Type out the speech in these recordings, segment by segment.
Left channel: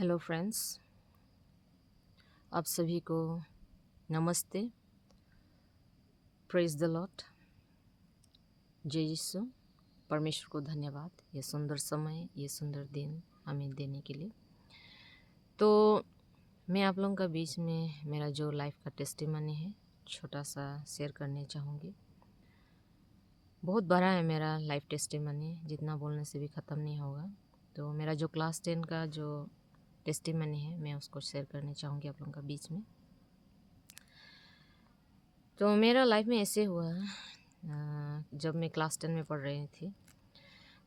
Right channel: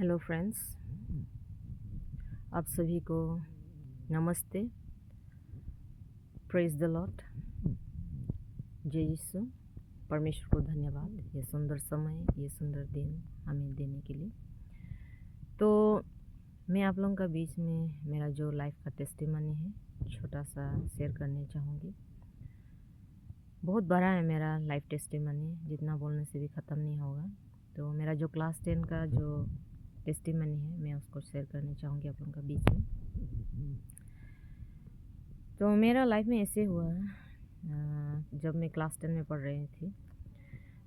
Hello friends, आप सभी को नमस्ते। Praise the Lord. जय यीशु। परमेश्वर को धन्यवाद ये सुंदर समय, ये सुंदर दिन हमें देने के लिए। तो मैं आप लोगों का बीच में मेरा जो लाइफ का टेस्टिमनी है छोटा सा शेयर करने चाहूँगी। बहुत बड़ा है मेरा लाइफ टेस्टिमनी, जितना बोलने से भी ख़त्म नहीं होगा। तो मेरा जो क्लास 10 का जो टेस्टिमनी है मैं उसको शेयर करने चाहूँगी आप लोगों का बीच में। तो मेरा लाइफ में ऐसे हुआ, जब मैं क्लास 10 में पढ़ रही थी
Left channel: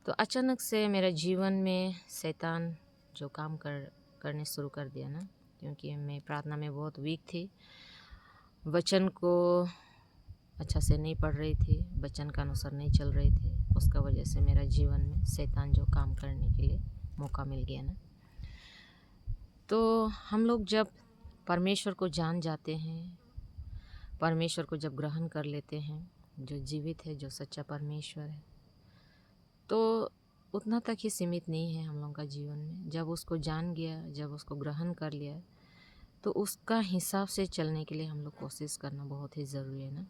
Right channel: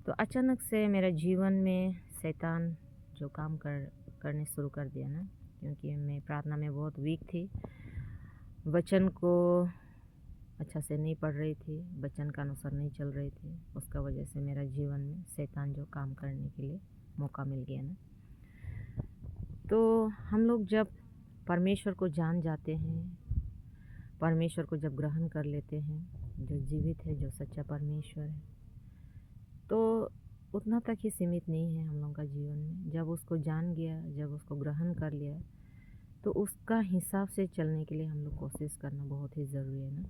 तो अचानक से मेरे जीवन में शैतान जो काम करने शुरू कर दिया ना, क्योंकि मैं प्रार्थना में बहुत वीक थी, वचन को अच्छा से नहीं पढ़ रही थी, वचन का अनुसार नहीं चल रही थी। उसका वजह से मेरा जीवन में शैतान जो काम करने के लिए मौका मिल गया ना। तो हम लोग जब परमेश्वर को जान जाते हैं, परमेश्वर को जब ग्रहण कर लेते हैं, जो जीवित है, जो सच्चा परमेश्वर है, तो उतना तक ही सीमित नहीं है हम लोगों का जीवन में। जब उसको जान गया, जब उसको ग्रहण कर लिया, तो उसका हिसाब से चलने के लिए हम लोग कोशिश करना बहुत ही ज़रूरी है ना।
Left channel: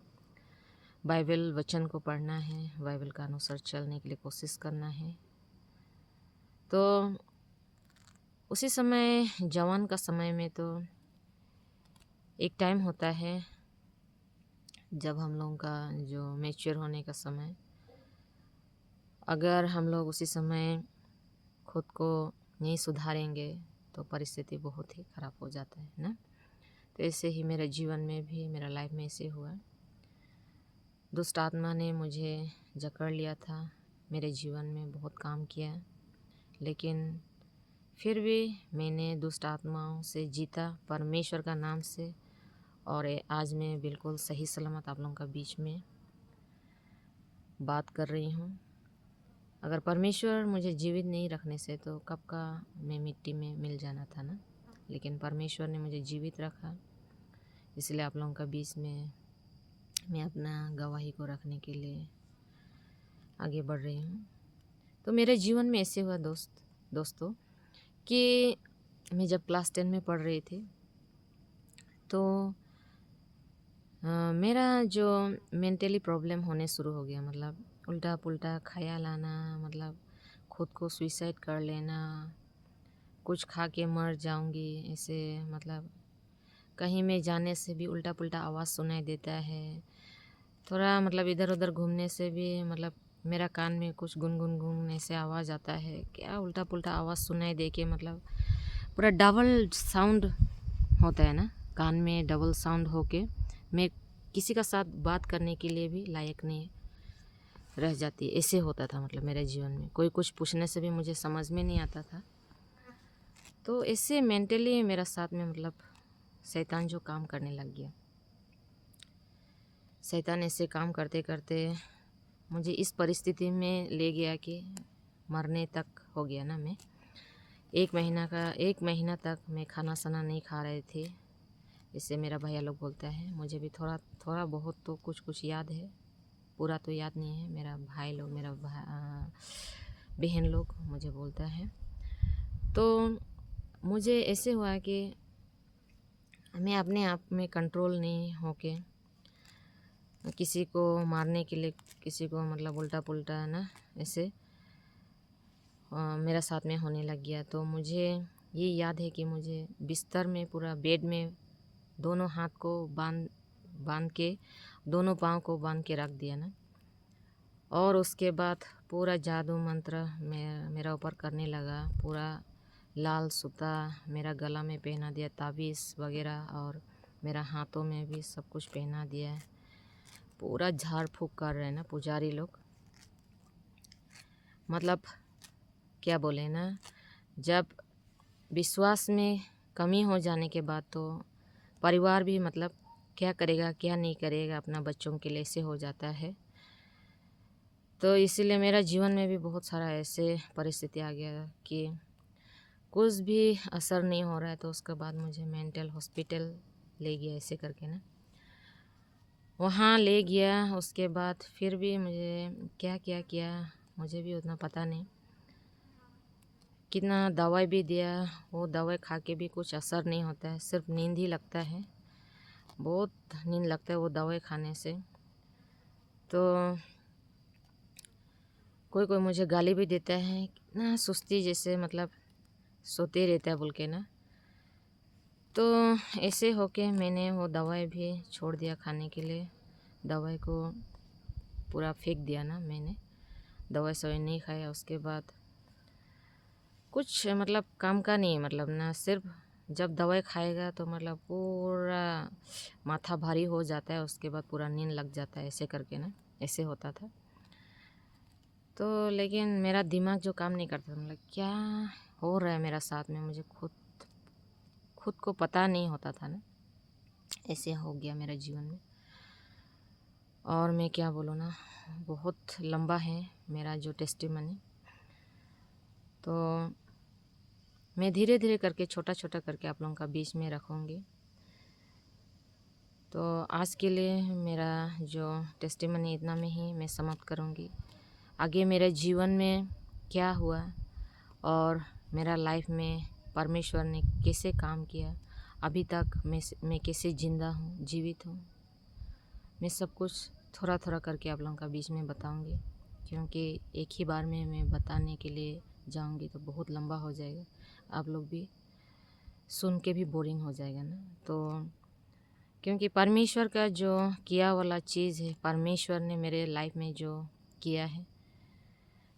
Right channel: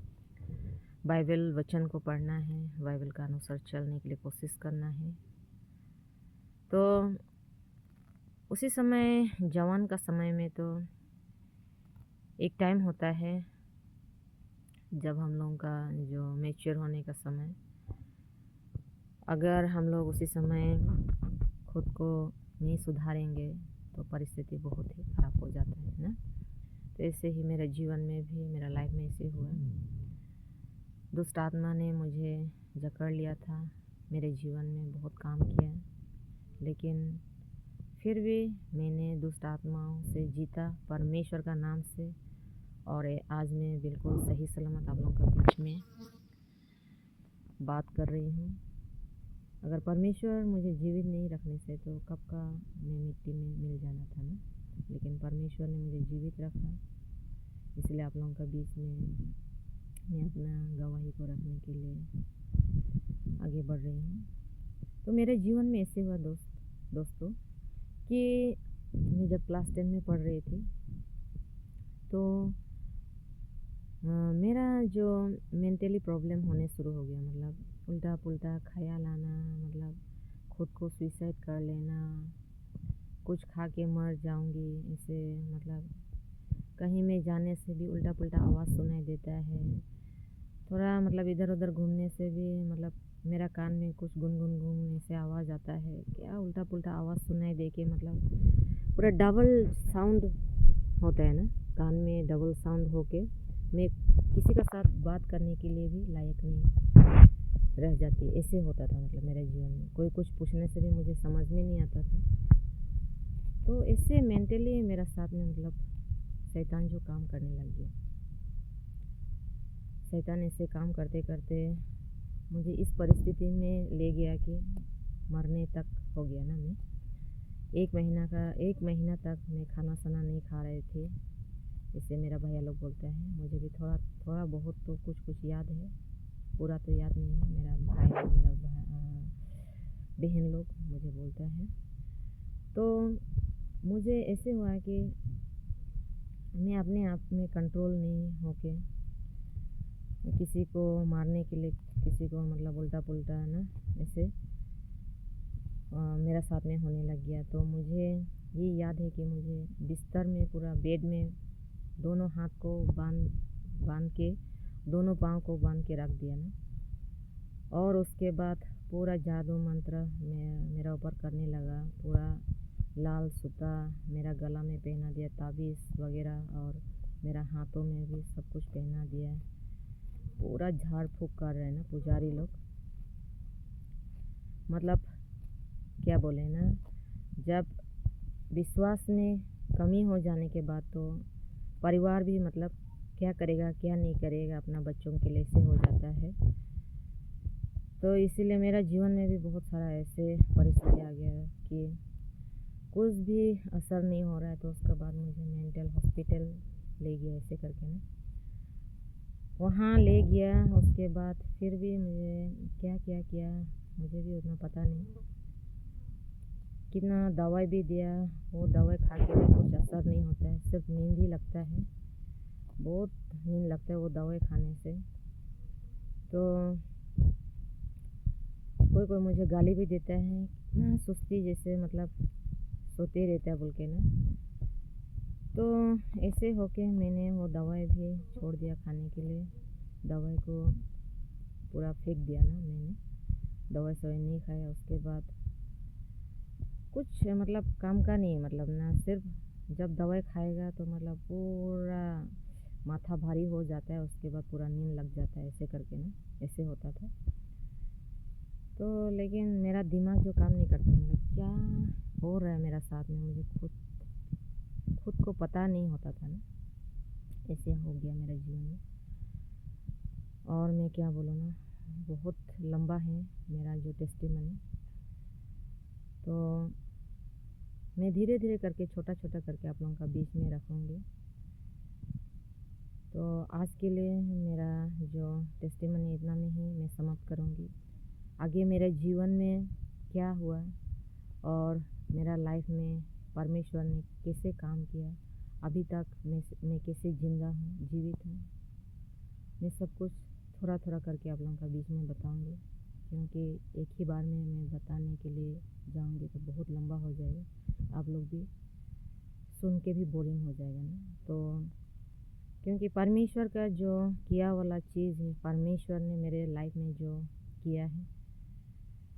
बाइबल वचन को पढ़ना है, बाइबल का अनुसार चलने के लिए कोशिश करना है। तो उसी समय, जवान का समय में, तो एक टाइम होता है जब हम लोगों का जो मैच्योर होने का समय, अगर हम लोग उसी समय खुद को नहीं सुधारेंगे तो परिस्थिति बहुत ही ख़राब हो जाता है ना। तो ऐसे ही मेरे जीवन में भी, मेरा लाइफ में ऐसे हुआ। दुष्ट आत्मा ने मुझे जकड़ लिया था, मेरे जीवन में बहुत काम किया, लेकिन फिर भी मैंने दुष्ट आत्माओं से जीता परमेश्वर का नाम से। और आज मैं बिल्कुल सही सलामत आप लोगों का बीच में बात कर रही हूँ। अगर परमेश्वर मुझे जीवित नहीं रखने से तो कब का मैं मिट्टी में मिल जाना था ना। लेकिन परमेश्वर ने मुझे जीवित रखा, इसलिए आप लोगों का बीच में मैं अपना गवाही को रखने के लिए आगे बढ़ रही हूँ। तो मेरे जीवन में ऐसे हुआ दोस्तों कि मैं जब क्लास 10 में पढ़ रही थी तो मेरा जो मेंटली प्रॉब्लम होने शुरू हो गया। मतलब उल्टा पुल्टा ख्याल आना, मतलब खुद को सुसाइड कर लेना, कुछ खा के मर जाऊंगी ऐसे। मतलब कहीं में जाने से भी उल्टा पुल्टा आवाज़ सुनाई देता है। थोड़ा मतलब इधर उधर घूमने से भी मतलब मेरा कान में कुछ गुनगुन ऐसे आवाज़ आता है, क्या उल्टा पुल्टा आवाज़ सुनाई दे के, मतलब पूरा डबल साउंड होता है ना, कान में डबल साउंड होके मैं किसी का साथ बात करने के लिए भी लायक नहीं रह जाती। ऐसे होता था मतलब मेरे जीवन में। कोई कुछ पूछने से भी मुझे समझ में नहीं आता था। तो ऐसे मेंटली मेरा साथ में मतलब शैतान जो काम करने लग गया। शैतान ऐसे काम करते करते मुझे इस परिस्थिति में ले गया कि मरने तक हो गया ना। मैं एक महीना तक मैं खाना सना नहीं खा रहे थे। इससे मेरा भैया लोग बोलता है, मुझे भी थोड़ा बहुत तो कुछ याद है, पूरा तो याद नहीं है। मेरा भाई लोग, बहन लोग मुझे बोलता है। तो मुझे ऐसे हुआ कि मैं अपने आप में कंट्रोल नहीं होके किसी को मारने के लिए, किसी को मतलब उल्टा पुल्टा है ना ऐसे मेरा साथ में होने लग गया। तो मुझे ये याद है कि मुझे बिस्तर में, पूरा बेड में दोनों हाथ को बांध के, दोनों पाँव को बांध के रख दिया ना। और उसके बाद पूरा जादू मंत्र मेरा ऊपर करने लगा। पूरा लाल सूता मेरा गला में पहना दिया, ताबीज़ वगैरह, और मेरा हाथों में भी सब कुछ पहना दिया। पूरा झाड़ फूँक कर रहे हैं ना पुजारी लोग। मतलब क्या बोले ना, जब विश्वास में कमी हो जाने के बाद तो परिवार भी मतलब क्या करेगा क्या नहीं करेगा अपना बच्चों के लिए, ऐसे हो जाता है। तो इसीलिए मेरा जीवन में भी बहुत सारा ऐसे परिस्थिति आ गया कि कुछ भी असर नहीं हो रहा है। तो उसके बाद मुझे मेंटल हॉस्पिटल ले गया, ऐसे करके ना वहाँ ले गया। उसके बाद फिर भी मुझे क्या क्या किया मुझे भी उतना पता नहीं, कितना दवाई भी दिया, वो दवाई खा के भी कुछ असर नहीं होता है, सिर्फ नींद ही लगता है, बहुत नींद लगता है वो दवाई खाने से। तो कोई कोई मुझे गाली भी देता है, कितना सुस्ती जैसे मतलब सोते रहता है बोल के ना। तो ऐसे होके मैंने वो दवाई भी छोड़ दिया खाने के लिए, दवाई को पूरा फेंक दिया ना मैंने, दवाई सवाई नहीं खाया। उसके बाद कुछ मतलब काम का नहीं, मतलब ना सिर्फ जब दवाई खाएगा तो मतलब पूरा माथा भारी हो जाता है, उसके बाद पूरा नींद लग जाता है, ऐसे करके ना ऐसे होता था। तो लेकिन मेरा दिमाग जो काम नहीं करता, मतलब क्या हो रहा है मेरा साथ में, मुझे खुद को पता नहीं होता था ना, ऐसे हो गया मेरा जीवन में। और मैं क्या बोलूँ ना, बहुत लंबा है मेरा जो टेस्टिमनी। तो मैं धीरे धीरे करके छोटा छोटा करके आप लोगों का बीच में रखूँगी। तो आज के लिए मेरा जो टेस्टिमनी इतना में ही मैं समाप्त करूँगी। आगे मेरे जीवन में क्या हुआ और मेरा लाइफ में परमेश्वर ने कैसे काम किया, अभी तक मैं कैसे ज़िंदा हूँ, जीवित हूँ, मैं सब कुछ थोड़ा थोड़ा करके आप लोगों का बीच में बताऊँगी। क्योंकि एक ही बार में मैं बताने के लिए जाऊँगी तो बहुत लंबा हो जाएगा, आप लोग भी सुन के भी बोरिंग हो जाएगा ना। तो क्योंकि परमेश्वर का जो किया वाला चीज़ है, परमेश्वर ने मेरे लाइफ में जो किया है,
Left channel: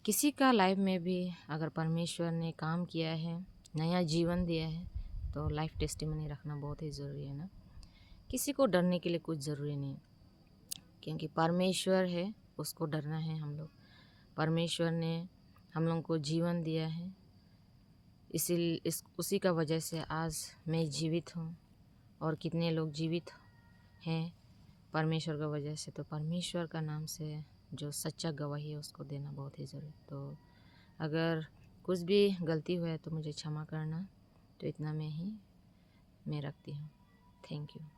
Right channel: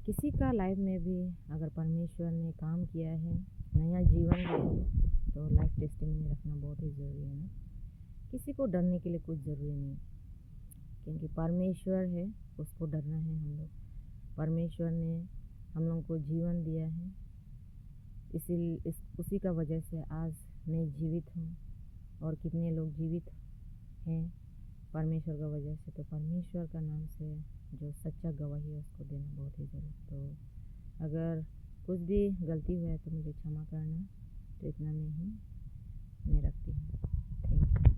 किसी का लाइफ में भी अगर परमेश्वर ने काम किया है, नया जीवन दिया है, तो लाइफ टेस्टिमनी रखना बहुत ही ज़रूरी है ना। किसी को डरने के लिए कुछ ज़रूरी नहीं, क्योंकि परमेश्वर है, उसको डरना है हम लोग। परमेश्वर ने हम लोगों को जीवन दिया है, उसी का वजह से आज मैं जीवित हूँ। और कितने लोग जीवित हैं परमेश्वर का वजह से। तो परमेश्वर का नाम से जो सच्चा गवाही है उसको देना बहुत ही ज़रूरी। तो अगर कुछ भी गलती हुआ है तो मुझे क्षमा करना। तो इतना में ही मैं रखती हूँ। Thank you.